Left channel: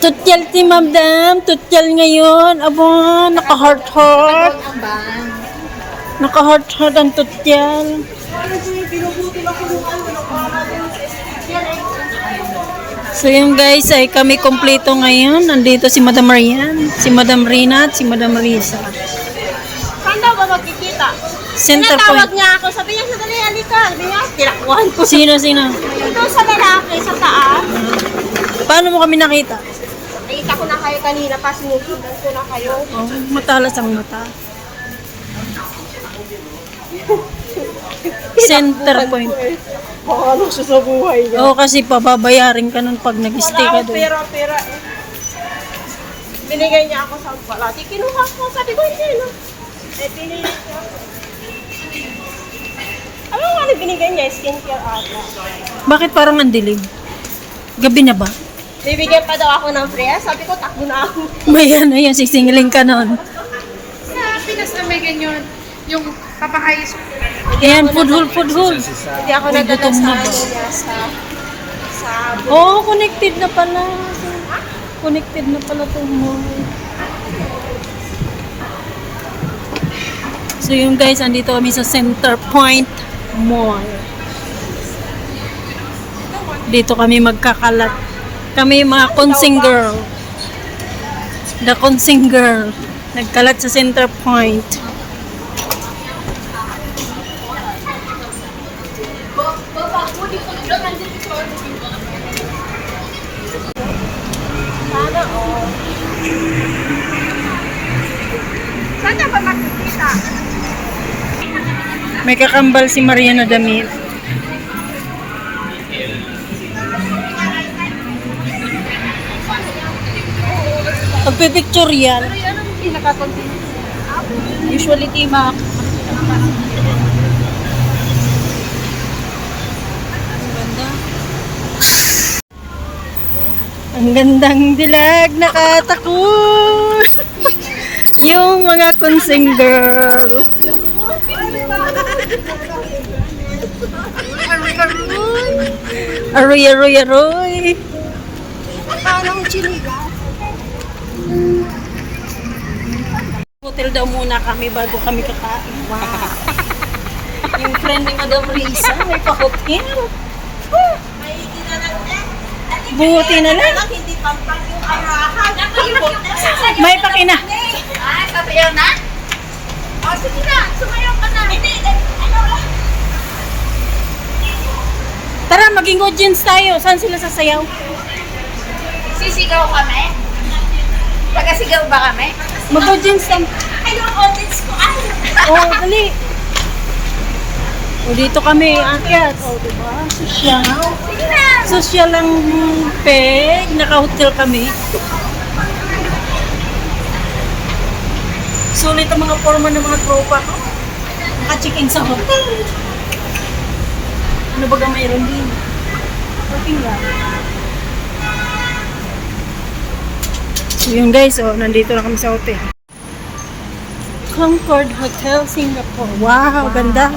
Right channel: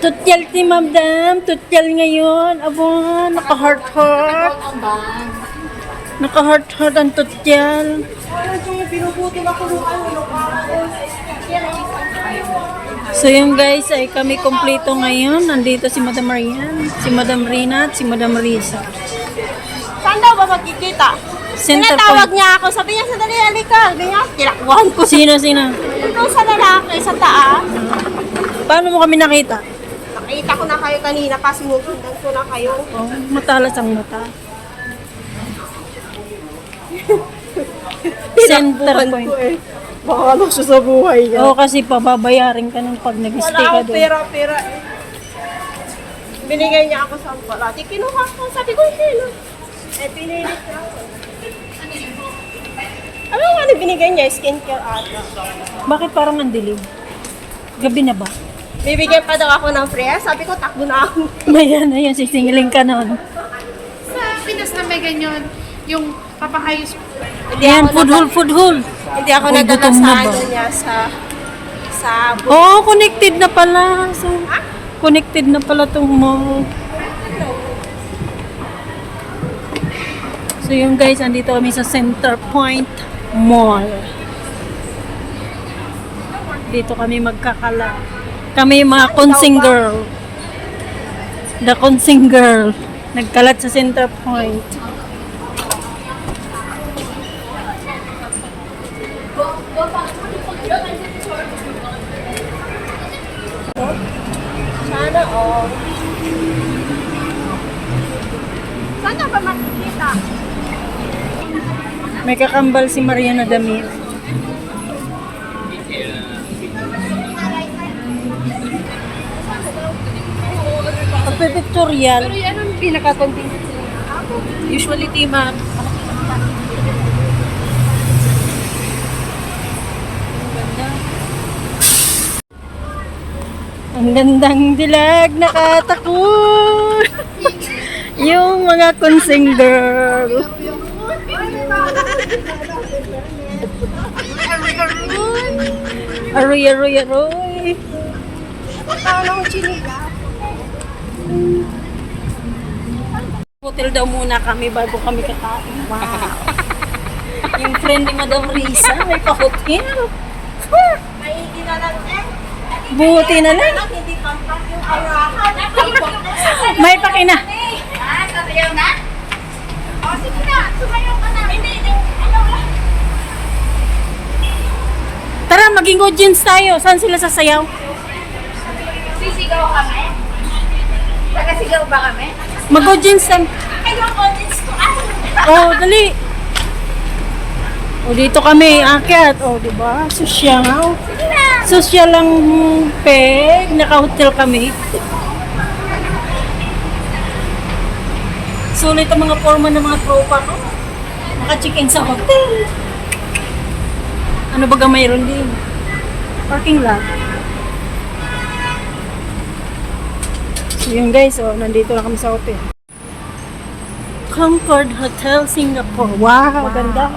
Tutyal si Madam. Tutyal ngayon. Aba, naka-heart-heart. Naka-heart-heart ang tutyal. So yung guys ay kami kompleto ngayon. Nandito si Madam Marian, si Madam Rina at si Madam Risa. Saan daw ba magkikita? Center Tinatawag point. niya ako. Sabi niya, sadali, halika. Sabi niya, tinakbuhan ko. Sino? Ito sa lalaki, sa taas. Paano mo kami nakita? Nakita ko na kayo kanina kasi nundan ko na kayo. Oh, matalas ang mata. Center point. Baka siya sa buhay niya. Oo, kasi pababayarin ka nun pag nag-stay ka doon. Pera. Binigay niya ako sa wala. Di kinuha ko. Sabi ko, hindi na. Pinilit niya. Ano nga binigay niya? Skincare ata. Bakit parang ang dilim? Gabi na ba? Bibigyan pa daw ako ng free. Sabi ko, takbo na ako. May ano yan, sisingling ka nun. Sa Pinas na may ganyan, yung papahayos. Ayan, food hole. Hindi ako Uy, nadala gutom sa na ba? ano niya sa Oo, connected na pala. Connected na pala itong mall. So yung guys, andito kami sa Center Point Mall. Dito kami magkakalat. Kami yung mga consing girl. The consing girl. Nagkalat sa Center Point. sana all. Sana ba makikita? May kakambal si Mariana damit. Pagpipicture yan. Pero yan ang pinaka-convenient. Usually, Tima, Ang gandang dilag, nakatakot. Yung mga consing girl. Aroy. Parang chiniga. Hotel daw muna kami bago kami kakain. Wow. Yung friend ni Madam Risa, may pa-hotel. May dinalang Buti na lang. hindi pampak yung arahan. May pakina. Ay, sabayaw na? O, sige na. Sumayaw ka na. Hindi, ano lang. Tara, maging audience tayo. Saan sila sasayaw? sisigaw kami. Tagasigaw ba kami? Mag-audience tayo. Ay, yung audience ko. Ay, Oh, dali. O, dito kami akyat. O, diba? Sosyal. sige na. Sosyal lang peg. Naka-hotel kami. Sulit ang mga forma ng mga tropa ko. Naka-check-in sa hotel. Ano baga mayroon din? Parking lang. So yun guys, oh, nandito na kami sa hotel. Concord Hotel, Singapore. Wow, ganda.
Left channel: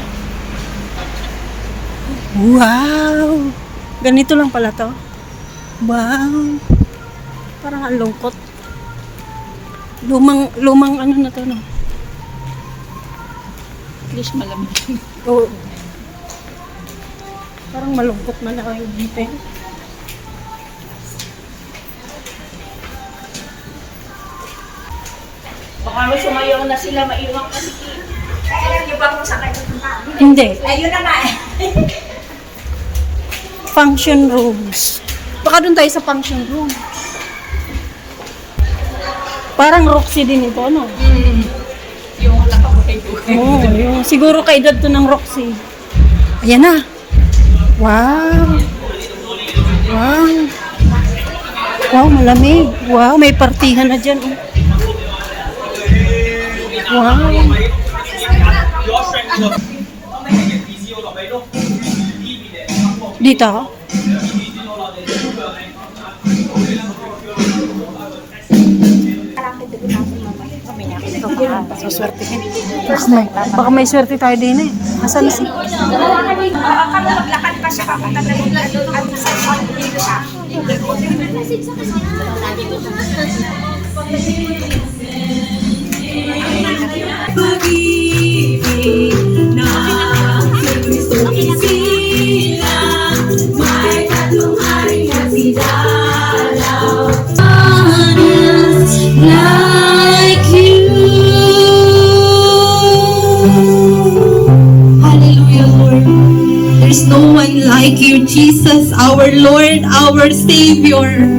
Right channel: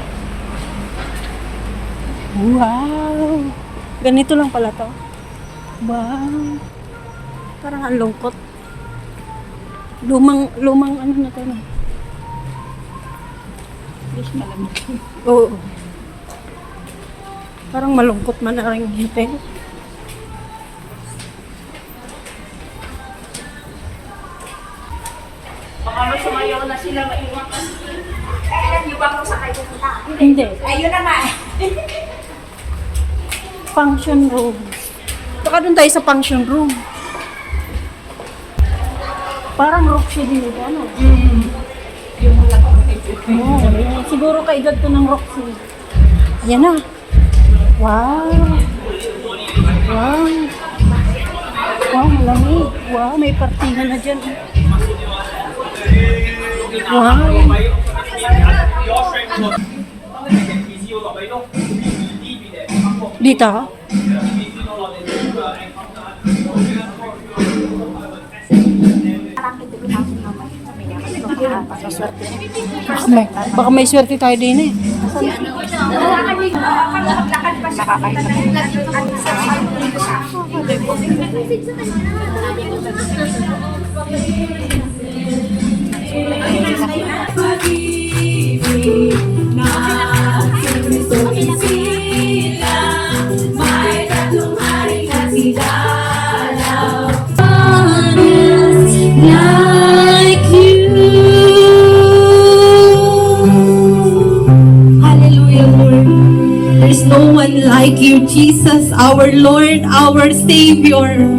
Wow. Ganito lang pala to. Wow. Parang ang lungkot. Lumang ano na to, no? English malamig. Oo. Parang malungkot man na rin hotel. Baka sumayaw na sila maiwan kasi. Alam niyo ba kung saan kayo pupunta? Hindi. Ayun na nga. Function rooms. Baka doon tayo sa function room. Parang Roxy din ito, ano? Yung nakapagay ko. Oo, yung siguro kaedad to ng Roxy. Ayan na. Wow. Wow. Wow, malamig. Wow, may partihan na dyan. Oh. Wow. Dito? Pasaswerte. Baka may swerte tayo din eh. Asan si? Maglakad pa siya kakatayin. Like you. Hallelujah, Lord. There's no one like you, Jesus, our Lord, our Savior.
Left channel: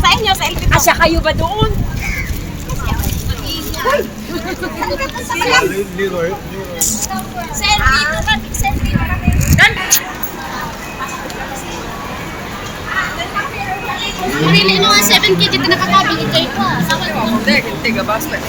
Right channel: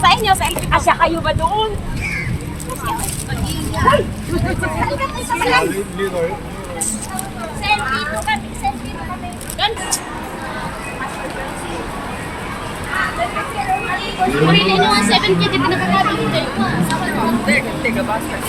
Sa inyo, sa LP. Asya kayo ba doon? Hoy! Selfie to kami, selfie. Dan! Pili no, 7K dito nakakabili kayo pa. Sama ko. Tiga basta.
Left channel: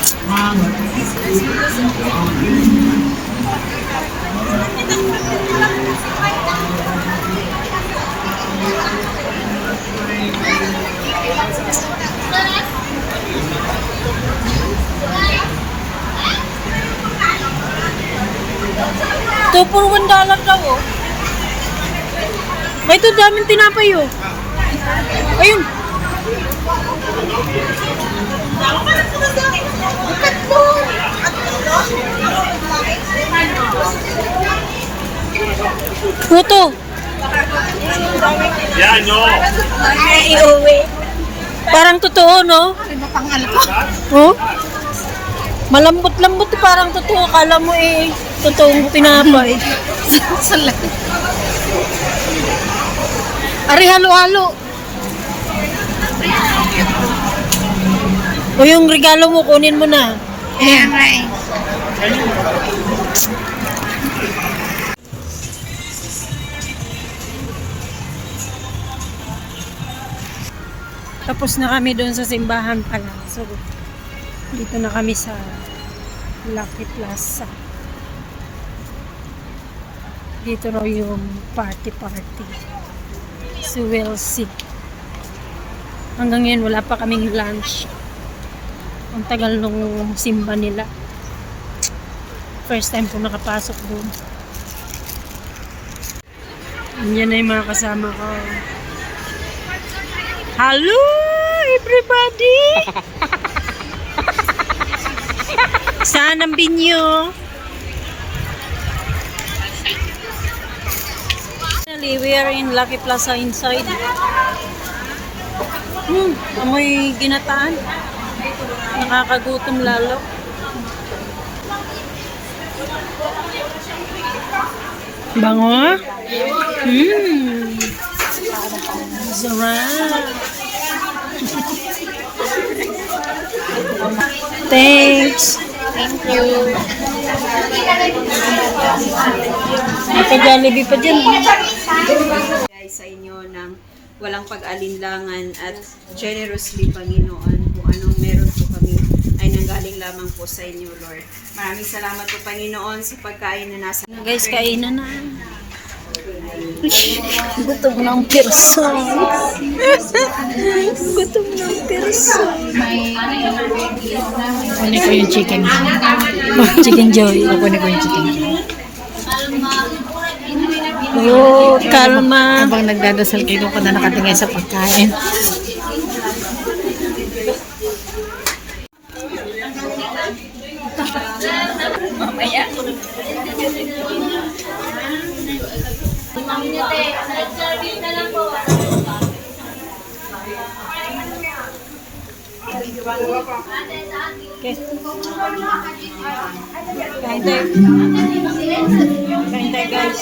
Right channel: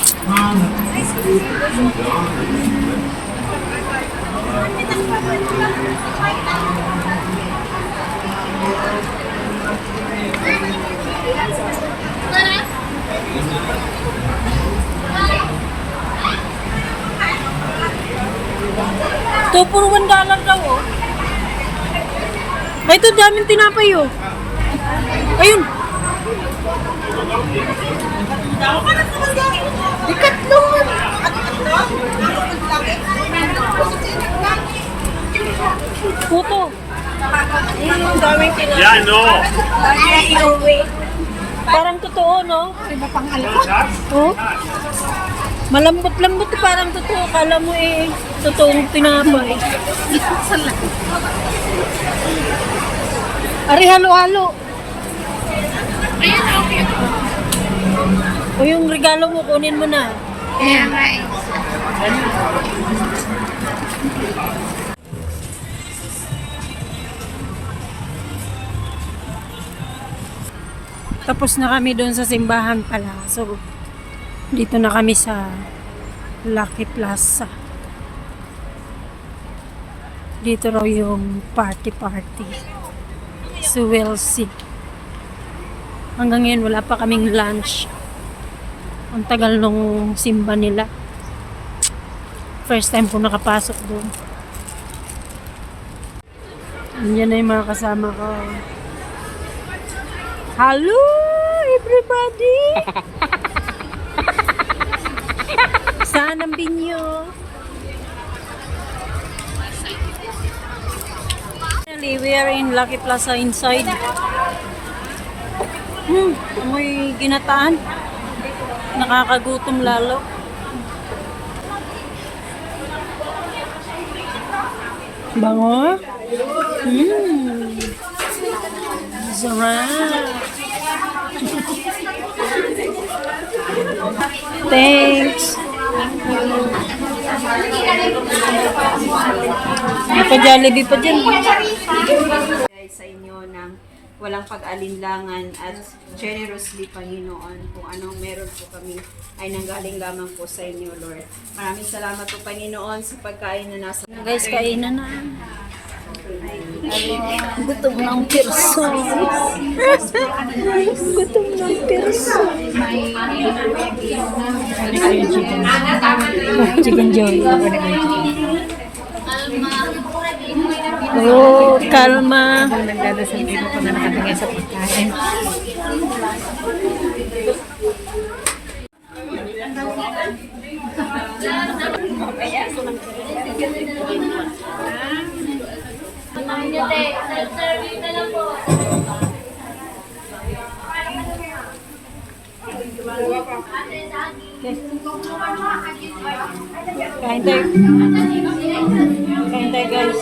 Ito, puro $1 daw, oh. Ay, ito, daming tinapay, oh. Ayun. Ito. Yeah, no. Parang totoo, no? Oh? Malambot-lambot, parang totoo. Akala mo eh, totoong tinapay. Ari, halo-halo. O yung regalo mo, kunin mo na. Ayan nga eh. Tapos na kami doon sa simbahan pala. So, dito na kami sa Lucky Plaza. Dito raw yung party. So, we'll see. Hanggang ngayon, wala pa kaming lunch. Ang tagal nung simba nila. First time ko nakapasok doon. Yan na yung mga kasama ko. Hello, everybody! Saan ang binyo? We are in Lucky Plaza inside. Amoy ginataan. Nakakagutom lalo. Bango? Sarap. Thanks. Thank you. May pa-Jollibee pa dyan. Guys, sa inyo ng walang pag-alinlangan at generously, Panginoon, kung anong meron po kami ay nanggaling lamang po sa inyo, Lord. Maraming salamat po, Panginoon, sa pagkain na nasa... Guys, kainan na. Gutom ng perso. Gutom ng perso. Kunin ko yung chicken. Chicken joy. Kunin ko yung chicken. Oh, kalma. Habang nagdadasal kayo ko na nakatingin sa pagkain. Okay. Kain tayo guys.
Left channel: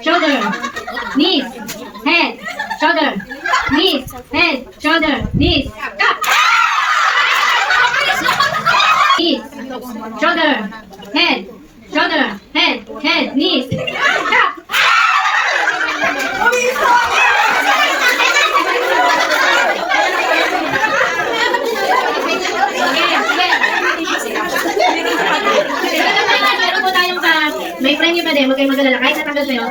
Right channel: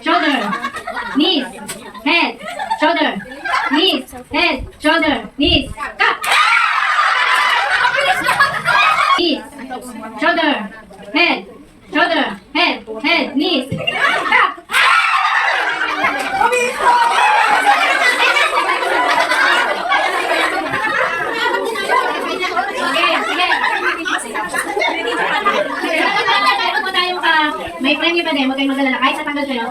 Shoulder, knees, head, shoulder, knees, head, shoulder, knees, cut. Knees, shoulder, head, knees, cut. Meron po tayong may frame nyo pa din, huwag kayong magdalala. Kahit natanggal sa'yo,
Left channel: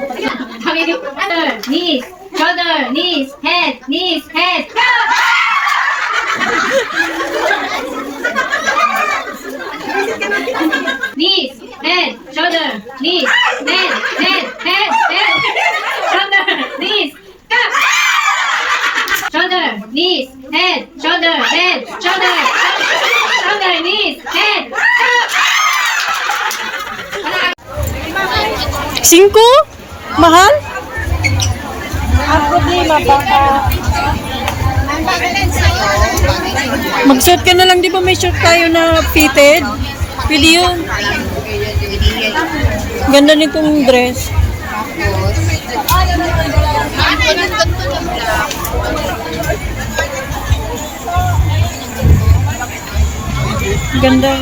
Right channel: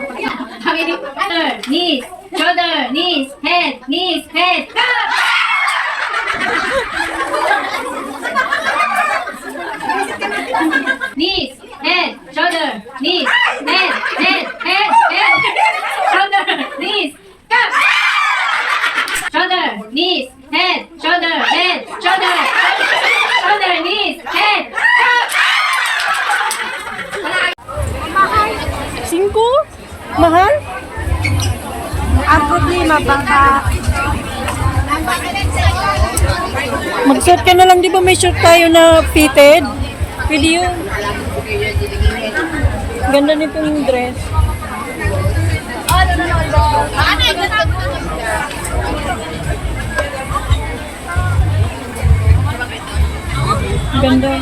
hangin yung shoulder, knees, head, cut! Knees, head, shoulder, knees, head, shoulder, knees, cut! Shoulder, knees, head, shoulder, knees, head, cut! 5? Mahal? Ang problema baka mag-short ka na lang, di ba may short tayo na fitted? Pwede yun. Ganda nitong dress. Ganda.